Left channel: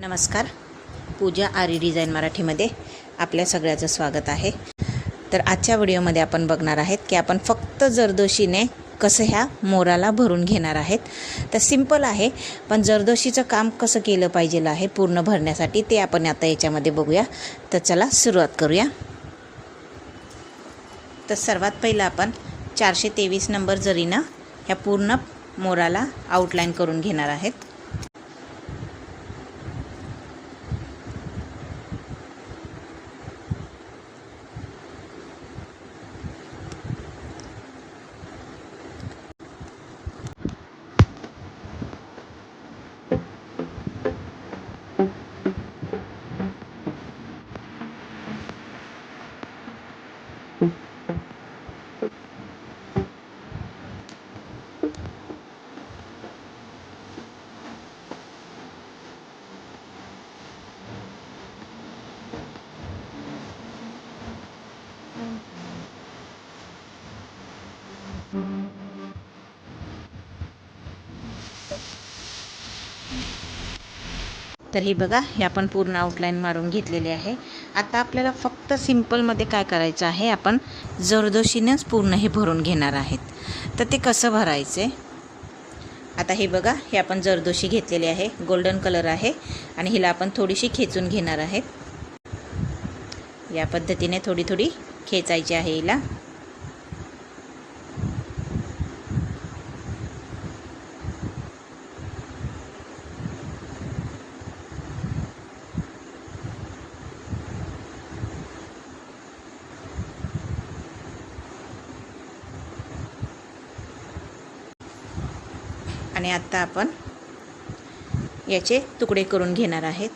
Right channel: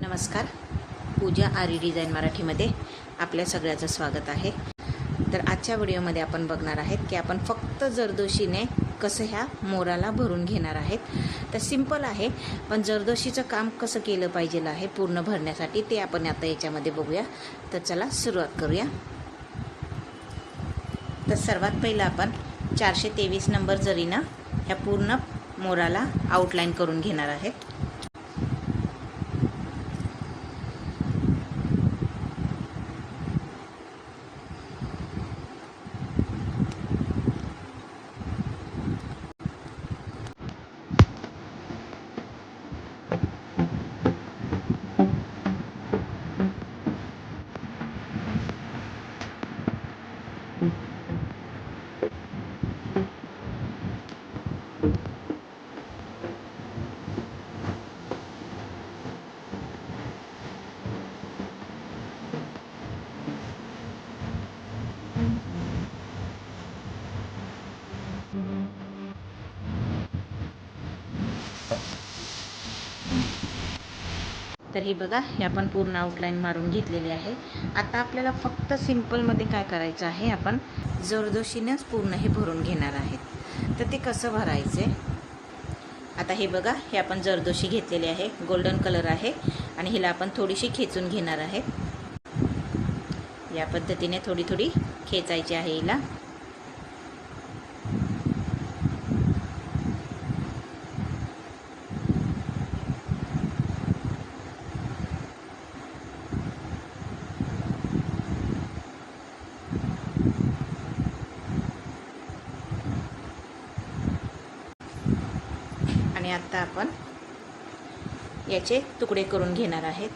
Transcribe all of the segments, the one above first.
नमस्कार. पूजा आरी डिझाईन मराठीमध्ये आपल्या सगळ्याचं स्वागत आहे. तर आजच्या व्हिडिओमध्ये आपण बघणार आहेत की आपण फक्त जरदोशीने कसं ह्या मोराला भरून घेणार आहेत. तर सिंपल आहे, पण जरदोशीचं काम कसं केलं पाहिजे आहे पूर्ण भरण्यासाठी ते आपण आता याच्यामध्ये बघूया. तर चला सुरुवात करूया. तर सर्वात पहिलं आपण 423 नंबर जरीनं ह्या पूर्ण मोराला आउटलाईन करून घेणार आहेत. तर हे बघा, हे आपण पूर्ण आउटलाईन मारून घेतलेली आहे. आता आपल्याला फक्त सिंपलमध्ये काय करायचं आहे, आपण जरदोशीनेच पूर्ण हे भरून घेणार आहेत. तर ते कसं भरायचे, आता हे बघा, हे आपण जरदोशी घेतलेली आहे, गोल्डन कलर आहे आणि हिला आपण थोडीशी खेचून घेणार आहेत. या पद्धतीने थोडी थोडी खेचायची आहे हिला. आणि आता आपण याचे तुकडे करून घेणार आहेत.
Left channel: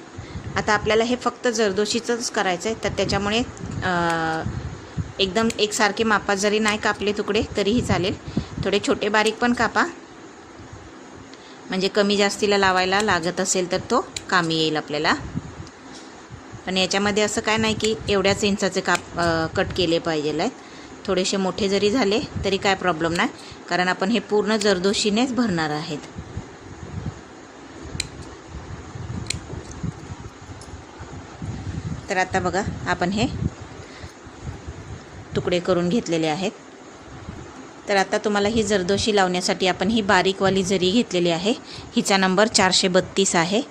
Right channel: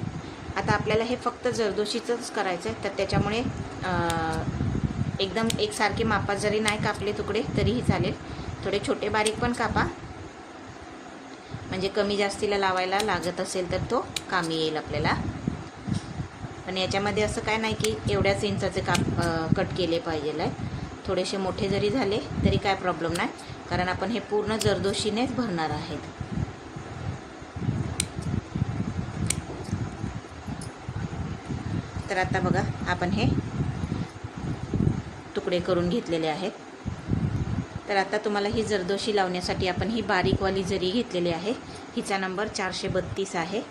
आता आपल्याला हे फक्त जरदोशीचंच करायचं आहे, तर त्याच्यामुळे एकदम एकसारखे मापात जरी नाही कापले तुकडे तरीही चालेल. थोडे छोटे बारीक पण कापा, म्हणजे कमी जास्तीला लावायला लागत असेल तर तो कामी येईल आपल्याला. पण याच्यामध्ये असं काय नाही की एवढ्याच इंचाचे कट केले पाहिजे आहेत. थोडेसे मोठे जरी झाले तरी काय प्रॉब्लेम नाही, कारण आपण हे पूर्ण जरदोशीनेच भरणार आहेत. तर आता बघा, आपण हे तुकडे करून घेतलेले आहेत. तर आता तुम्हाला ही जरदोशी लावण्यासाठी आपण ही बारीकवाली जरी घेतलेली आहे, हिचा नंबर 432 आहे,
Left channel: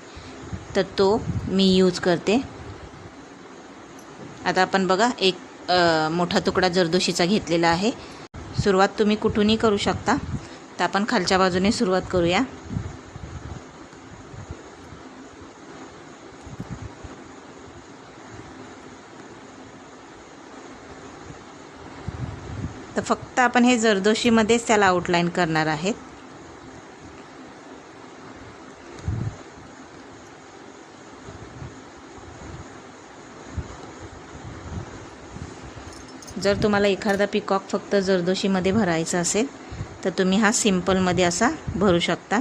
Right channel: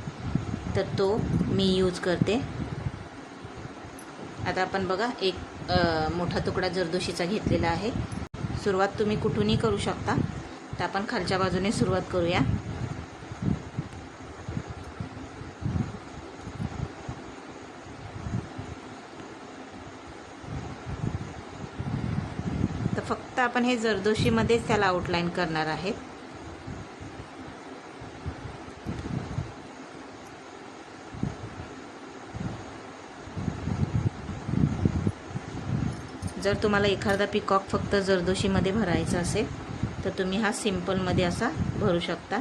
तर तो मी यूज करते. आता आपण बघा, एक मोठा तुकडा जरदोशीचा घेतलेला आहे. सुरुवात तुम्ही कुठूनही करू शकता. तर आपण खालच्या बाजूने सुरुवात करूया. तर फक्त आपण हे जरदोशीमध्येच त्याला आउटलाईन करणार आहेत. जर तुम्हाला एखादा पिकॉक फक्त जरदोशीमध्ये भरायचा असेल तर तुम्ही हा सिंपलमध्ये असा भरू शकता.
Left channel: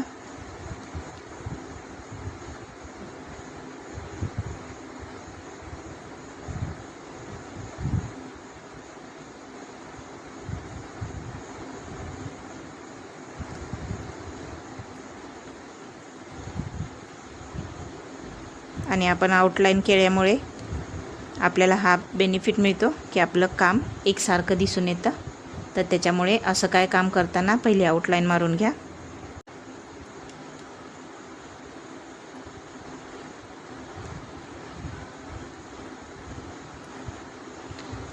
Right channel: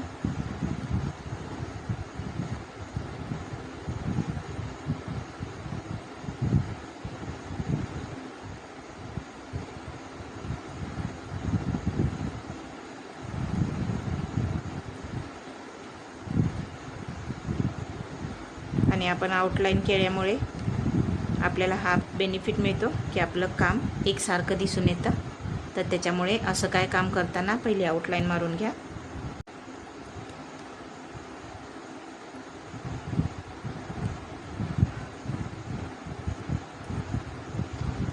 आणि आपण आउटलाईन केल्यामुळे आपल्याला हा बेनिफिट मिळतो की आपलं काम एकसारखं दिसून येतं. तर त्याच्यामुळे असं काय काम करताना पहिले आउटलाईन मारून घ्या.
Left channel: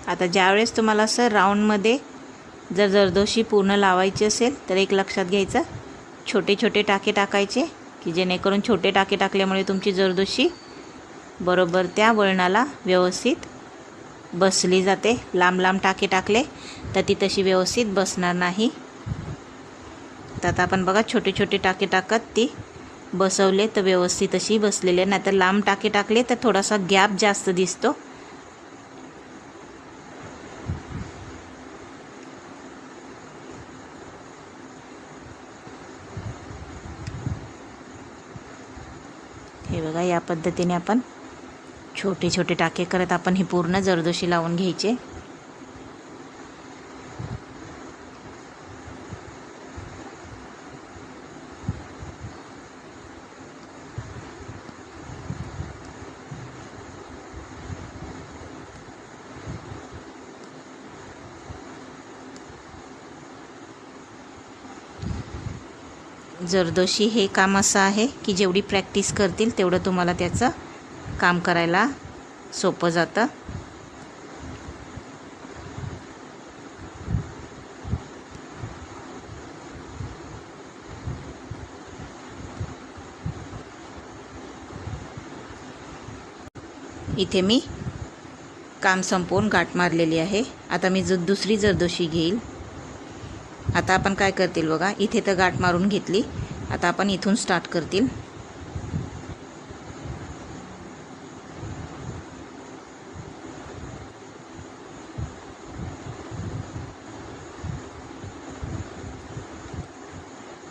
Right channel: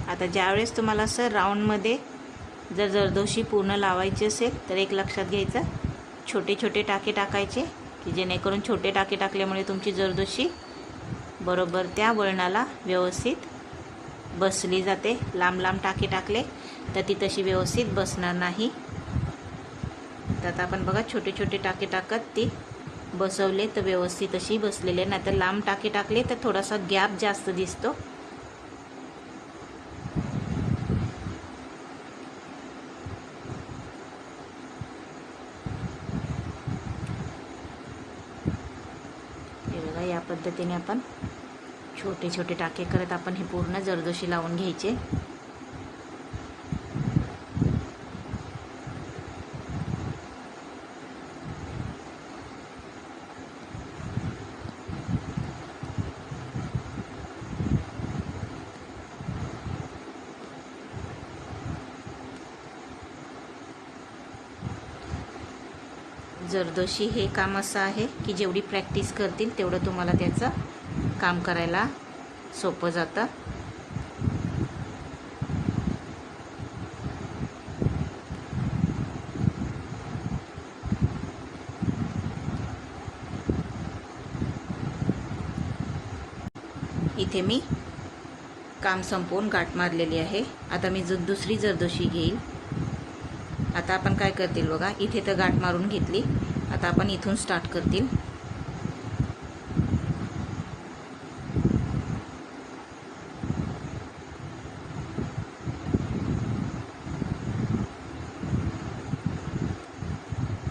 आता ज्यावेळेस तुम्हाला असं राऊंडमध्ये जर जरदोशी पूर्ण लावायची असेल तर एक लक्षात घ्यायचं, छोटे छोटे टाके टाकायचे, की जेणेकरून छोटे टाके टाकल्यामुळे तुमची जरदोशी बरोबर त्या वळणाला व्यवस्थित बसली जाते. लांब लांब टाके टाकले तर ती तशी व्यवस्थित बसणार नाही. तर आता आपण बघा, छोटे छोटे टाके टाकत ती बसवले तर व्यवस्थित अशी बसलेले. नाही तर लांब टाके टाकले तर थोडासा गॅप जास्त दिसतो. हे बघा, या पद्धतीने आपण छोटे छोटे टाके करत आपण ही पूर्ण जरदोशी लावून घ्यायचे. जरदोशी हे काम असं आहे की जेवढी प्रॅक्टिस करतील तेवढं तुम्हाला त्याचं काम करायला सोपं जातं. इथे मी काम संपवून गाठ मारलेली आहे. आता मी दुसरी जरदोशी घेईल. आता आपण काय करतील बघा, इथे तर गाठ मारून घेतली. आता आपण इथून स्टार्ट करतील.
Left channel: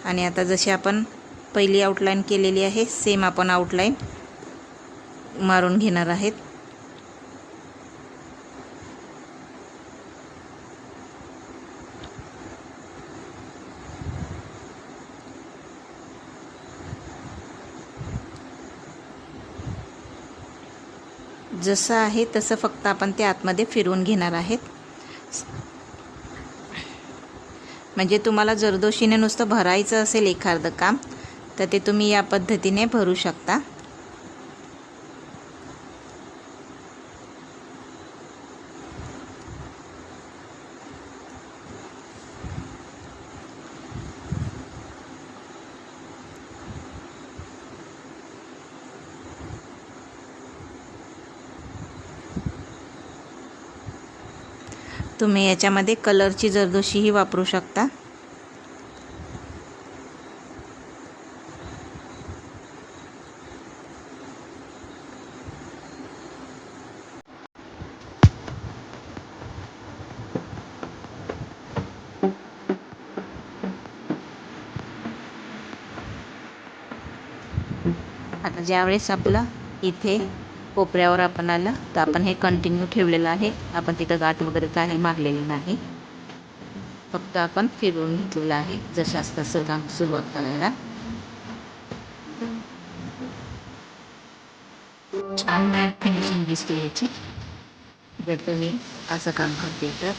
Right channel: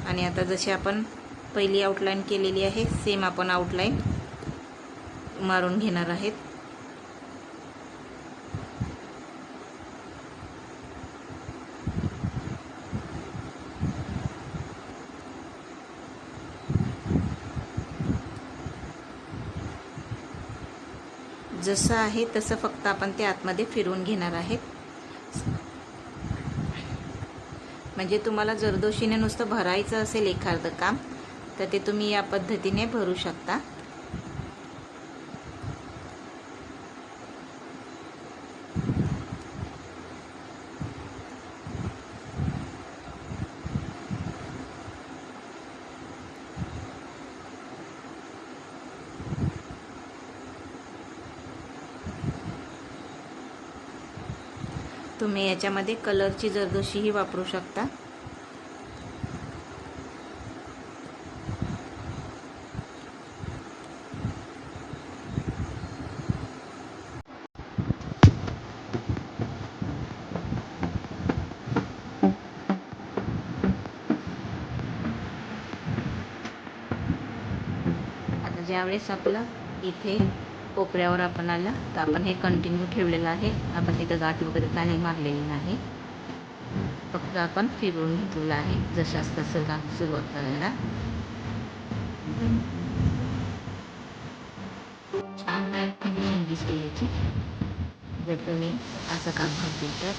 आणि आता जशी आपण पहिली आउटलाईन केलेली आहे सेम आपण आउटलाईन मारून घेणार आहेत. जसं आहे तसं फक्त आपण ते आतमध्ये फिरवून घेणार आहेत. म्हणजे तुम्हाला जरदोशीने नुसतं भरायचं असेल एखादं काम तर ते तुम्ही या पद्धतीने भरू शकता. तुम्ही याच्यामध्ये कलरची जरदोशीही वापरू शकता. आता ज्यावेळेस आपलं इथे कोपऱ्यावर आपण आलं तर आपण हे कंटिन्यू ठेवलेलं आहे. आपण तिथं गाठ वगैरे काही मारलेली नाही, फक्त आपण फिरवून घेतलेलं आहे जसं तसं काम सुरुवात करायला. छान फिनिशिंग दिसते याची जर तुम्ही असं काम करते तर.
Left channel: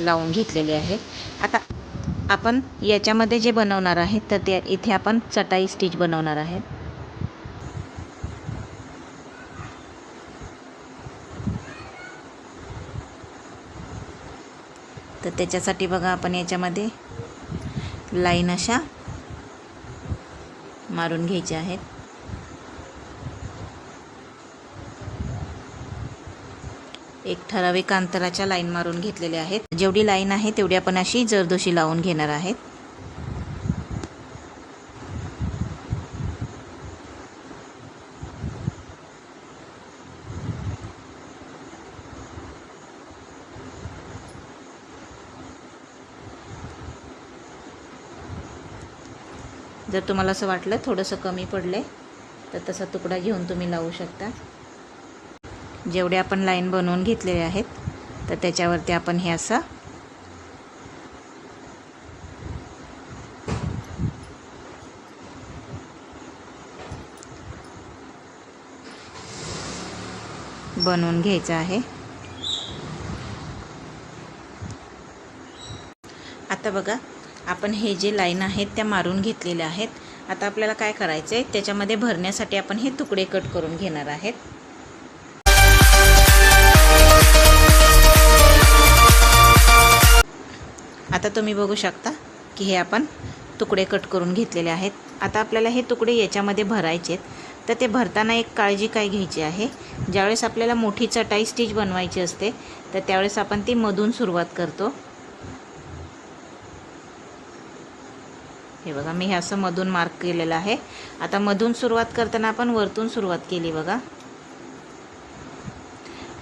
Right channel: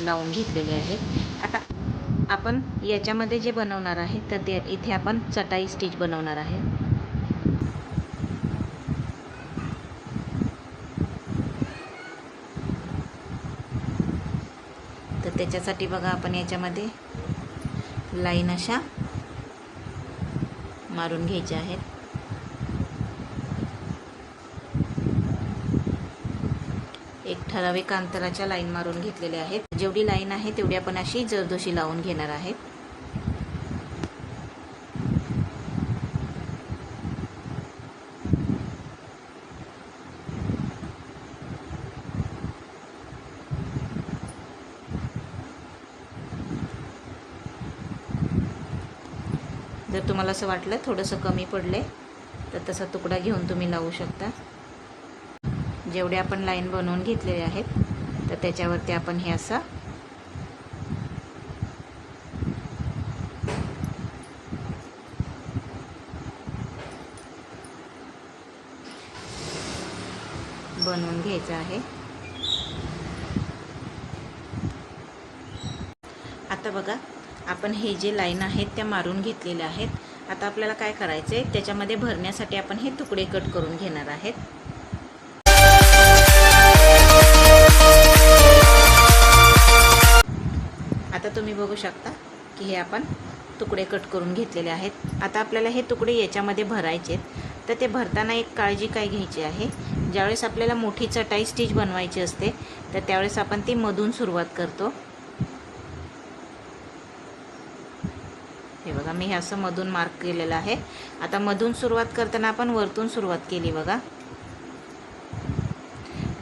लावून घेतलेले आहे. आता आपण याच्यामध्ये जे बनवणार आहे तर ते इथे आपण चटाई स्टिच बनवणार आहे. तर त्याच्यासाठी बघा आपण याच्यामध्ये लाईन अशा मारून घ्यायच्या आहेत. एक ठराविक अंतराच्या लाईन मारून घेतलेल्या आहेत. जेवढी लाईन आहे तेवढी आपण अशी जरदोशी लावून घेणार आहेत. जर तुम्हाला असं वाटलं थोडंसं कमी पडलंय तर तसा तुकडा घेऊन तुम्ही लावू शकता. जेवढे आपण लाईन बनवून घेतलेले आहेत तर त्याच्यावरती आपण हे असं बनवून घ्यायचं आहे. आता बघा आपण हे जे लाईन आहेत त्या मारून घेतलेल्या आहेत. आता आपल्याला काय करायचं आहे, त्याच्यामध्ये भरण्यासाठी आपण हे तुकडे कट करून घेणार आहेत. आता तुम्ही बघू शकता की हे आपण तुकडे कट करून घेतलेले आहेत. आता आपल्याला हे तुकडे याच्यामध्ये भरायचे आहेत. तर ते भरताना एक काळजी काय घ्यायची आहे, ज्यावेळेस आपल्याला मोठी चटाई स्टिच बनवायची असते तर त्यावेळेस आपण ती मधून सुरुवात करतो. हे बघा मी हे असं मधून मार्क केलेलं आहे. आता मधून सुरुवात करताना आपण वरतून सुरुवात केली बघा,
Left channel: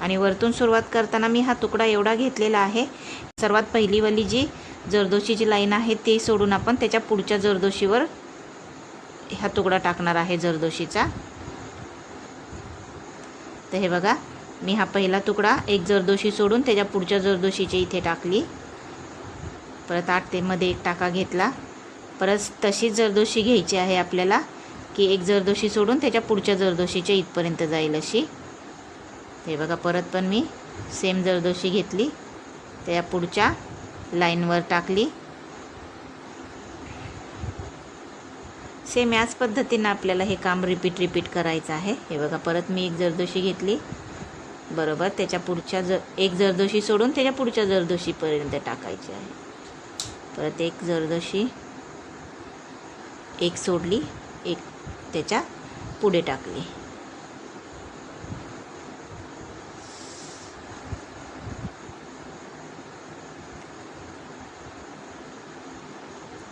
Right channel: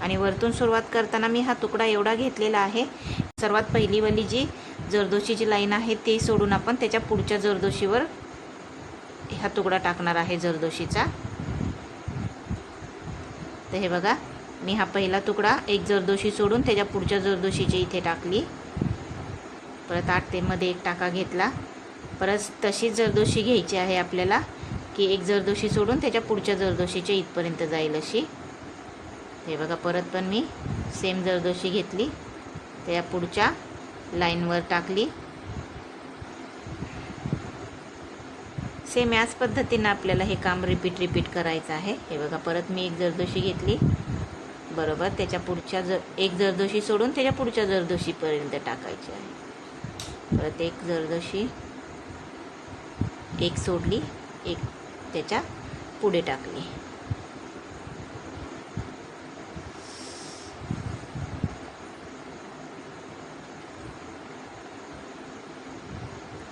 आणि वरतून सुरुवात करताना मी हा तुकडा एवढा घेतलेला आहे. सर्वात पहिलीवाली जी जरदोशीची लाईन आहे ती सोडून आपण त्याच्या पुढच्या जरदोशीवर हा तुकडा टाकणार आहे जरदोशीचा. तर हे बघा, मी हा पहिला तुकडा एक जरदोशी सोडून त्याच्या पुढच्या जरदोशीच्या इथे टाकली. परत आतमध्ये एक टाका घेतला. परत तशीच जरदोशी घ्यायची आहे आपल्याला, की एक जरदोशी सोडून त्याच्या पुढच्या जरदोशीच्या इथपर्यंत जाईल अशी. हे बघा, परत पण मी सेम जरदोशी घेतली, त्या पुढच्या लाईनवर टाकली. सेम याच पद्धतीनं आपल्याला हे काम रिपीट करायचं आहे. हे बघा, परत मी एक जरदोशी घेतली, बरोबर त्याच्या पुढच्या एक जरदोशी सोडून त्याच्या पुढच्या जरदोशीपर्यंत टाकायची आहे. परत एक जरदोशी एक सोडली, एक त्याच्या पुढे टाकली.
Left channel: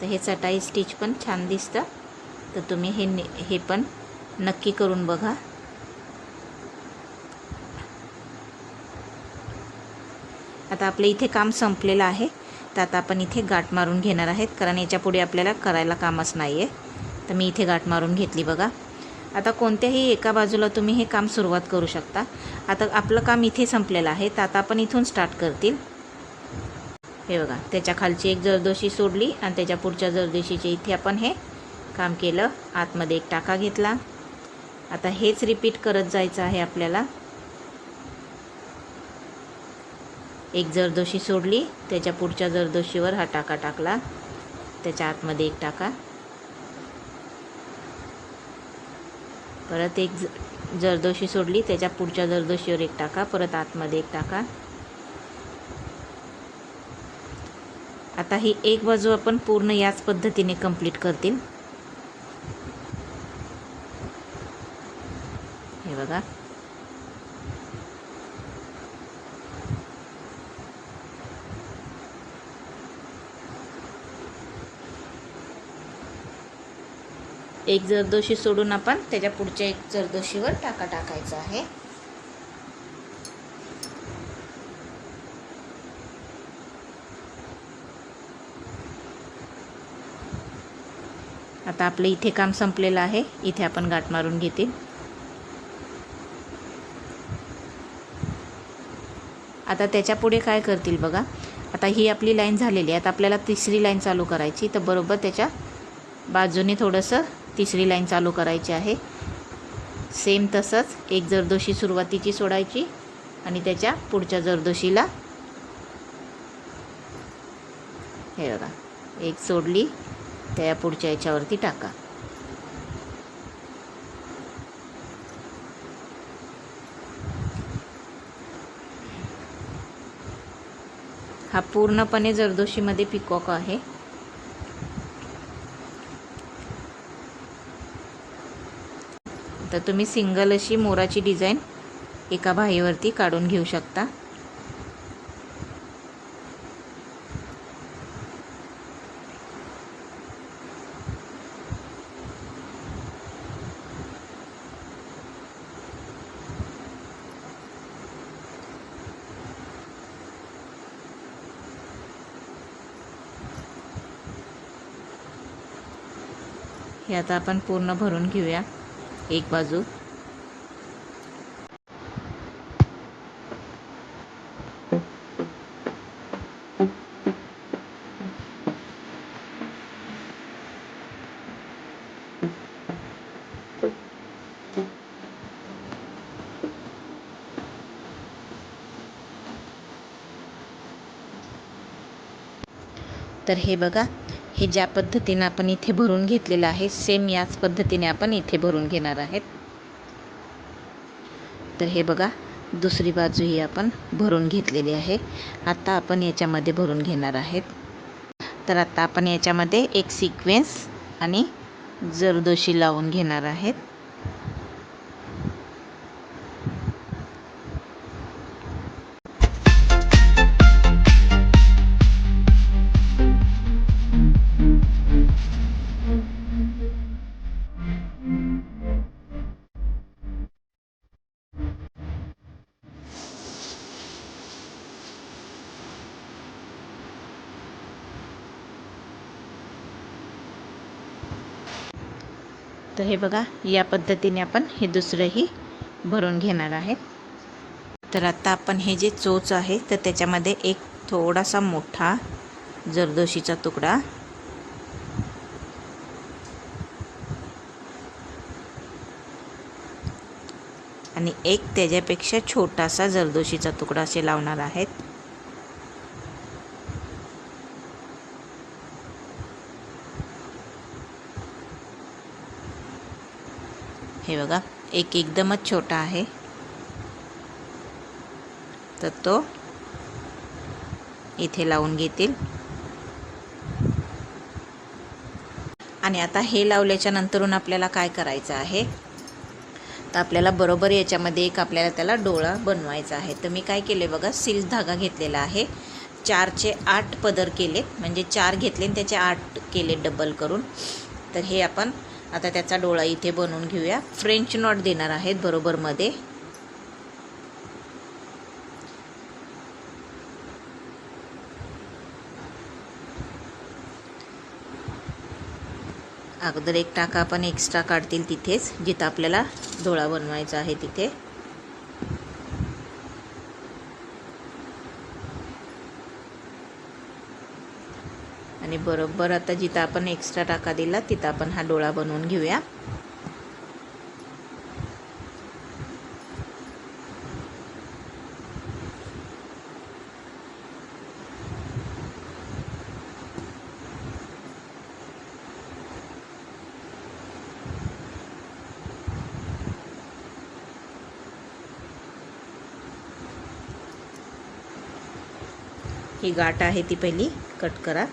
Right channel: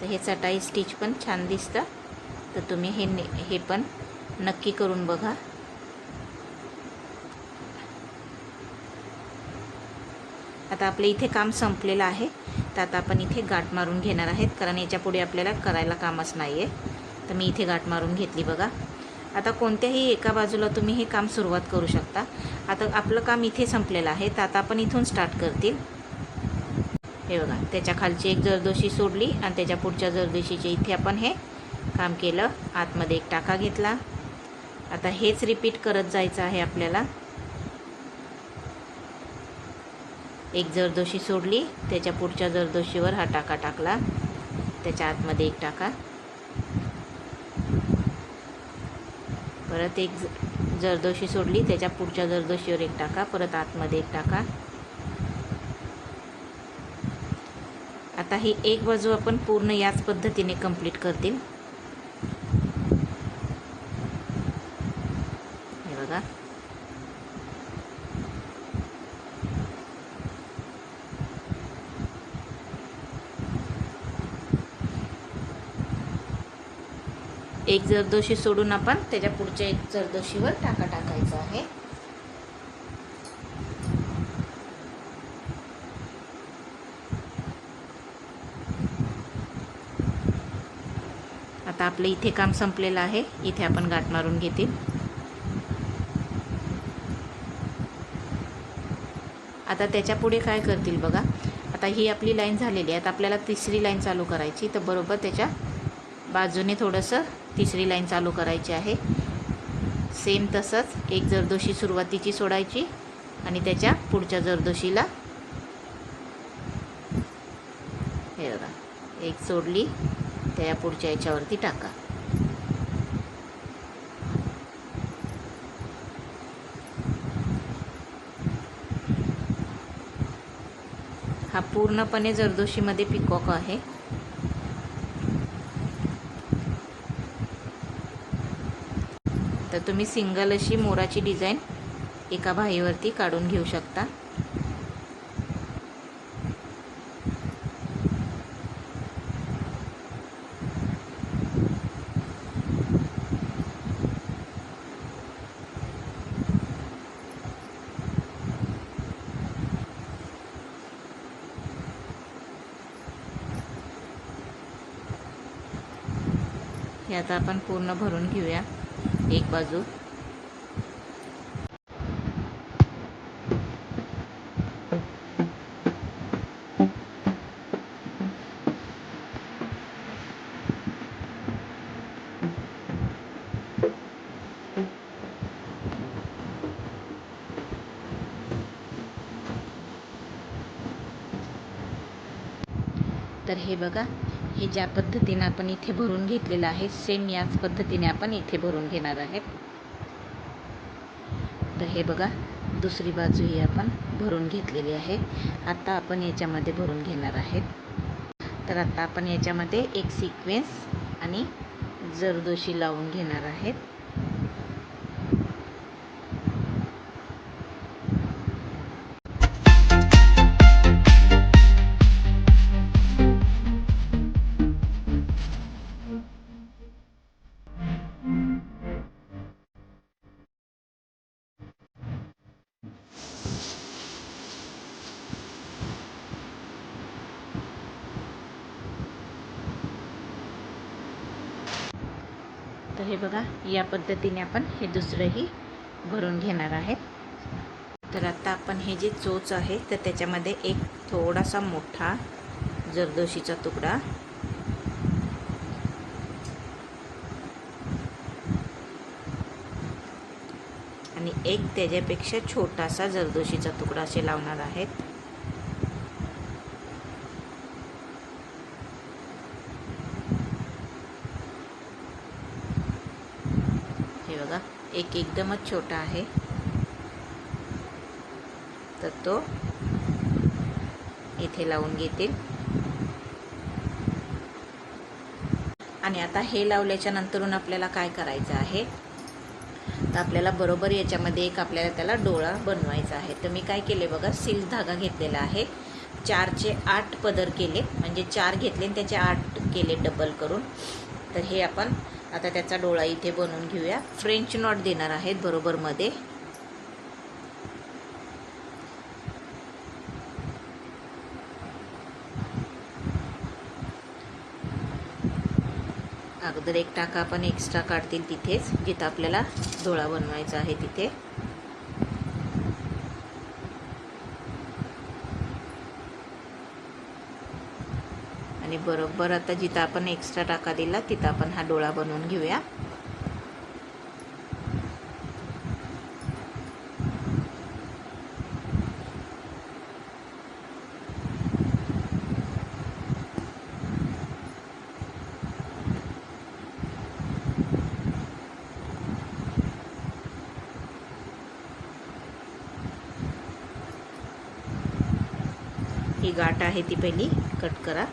तर हे चटाई स्टिच पण छान दिसतं. तर तुम्ही हे पण नक्की करून बघा. आता आपलं इथे काम संपलेलं आहे. तर आता आपण इथे गाठ मारून घेणार आहेत, कारण याच्या पुढे आपल्याला करायला कामच नाही आहे. तर मी इथे गाठ मारून घेतली बघा. आता कोणत्याही एका बाजूला तुम्ही हे काम सुरुवात करू शकता. आता आपलं काम इथे संपलेलं आहे, तर आता आपण इथून स्टार्ट करतील. हे बघा, त्याच्या खालची एक जरदोशी सोडली आणि त्याच्या पुढच्या जरदोशीच्या इथे आपण हे काम केलं. आतमध्ये एक टाका घेतला. आता हेच रिपीट करत जायचं आहे आपल्याला. एक जरदोशी सोडली, त्याच्या पुढच्या जरदोशीवर हा टाका टाकला, त्याच्या आतमध्ये एक टाका. परत एक जरदोशी सोडली, त्याच्या पुढच्या जरदोशीवर एक टाका, परत आतमध्ये एक टाका. आता ही एक बाजू आपण पूर्ण याच पद्धतीने कंप्लीट करतील. हे बघा, एक जरदोशी सोडून आपण त्याच्या पुढच्या एक जरदोशीवर टाका टाकायचा आहे. आता आपलं इथे काम संपलेलं आहे. इथे आपण गाठ मारून घेतील. आता त्याच्या पुढे काय करतील बघा. आता ही आपली लाईन झालेली आहे. आता आपल्याला तिसरी लाईन चालू करायची. तर बरोबर त्याच्या बाजूने थोडंसं तिसरी लाईन चालू करायची आहे. सेम तसंच एक जरदोशी सुरुवातीची सोडायची आणि त्याच्या पुढच्या जरदोशीला हे बघा, एक सोडली, त्या पुढच्या याच्यावरती टाका. हा पूर्णपणे जरदोशीमध्ये पिकॉक आहे. तर तुम्ही सिंगल अशी मोराची डिझाईन एका बाहीवरती काढून घेऊ शकता. हे आता आपण पूर्ण भरून घेऊया एक बाजू. तर हे बघा, हे ज्या पद्धतीने आपण इथे भरून घेतलेलं आहे, सेम याच पद्धतीने आपण इथे भरून घेणार आहेत. तर हे बघा, दुसरी बाजूही आपण भरून घेतलेली आहे. आता आपण याच्यामध्ये भरून घेणार आहेत. तर आता आपण याच्यामध्ये एक सिक्वेन्स आणि जरदोशी लावून घेणार आहेत. तर हे बघा, या पद्धतीने आपण हे दुसरंही भरून घेणार आहे. तर आता आपण हे जे चोच आहे तर त्याच्यामध्ये एक थोडासा मोठा जरदोशीचा तुकडा आणि एक त्याच्यापेक्षा छोटासा जरदोशीचा तुकडा असे लावणार आहेत. हे बघा, एक एकदमच छोटा आहे तर तो इथे लावून घेतील. आणि आता हे लावल्याच्या नंतरून आपल्याला काय करायचं आहे, तर आपल्याला बरोबर याच्यामध्ये एक आपल्याला त्याला डोळा बनवायचा आहे. तर मी काय केले बघा, सिल्क धागा घेतलेला आहे. 4चे 8 पदर केले, म्हणजे 4 घेतले आणि त्याचे 8 केले डबल करून. तर हे आपण आता त्याचा डोळा इथे बनवून घेऊया. फ्रेंच नॉट देणार आहेत बरोबर मध्ये. अगोदर एक टाका आपण एक्स्ट्रा काढतील तिथेच, जिथं आपल्याला डोळा बनवायचा आहे तिथे. आणि बरोबर आता जिथं आपण एक्स्ट्रा टाका दिला तिथं आपण हा डोळा बनवून घेऊया. ही गाठ आहे ती पहिली कट करा.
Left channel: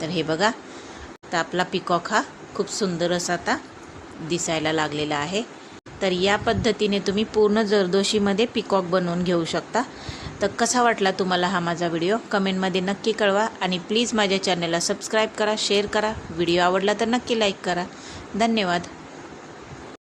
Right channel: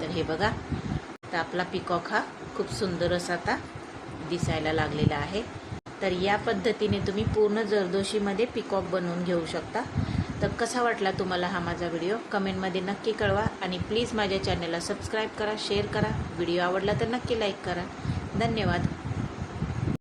तर हे बघा, आता आपला पिकॉक हा खूप सुंदर असा आता दिसायला लागलेला आहे. तर या पद्धतीने तुम्ही पूर्ण जरदोशीमध्ये पिकॉक बनवून घेऊ शकता. तर कसा वाटला तुम्हाला हा माझा व्हिडिओ कमेंटमध्ये नक्की कळवा. आणि प्लीज माझ्या चॅनलला सबस्क्राईब करा, शेअर करा. व्हिडिओ आवडला तर नक्की लाईक करा. धन्यवाद.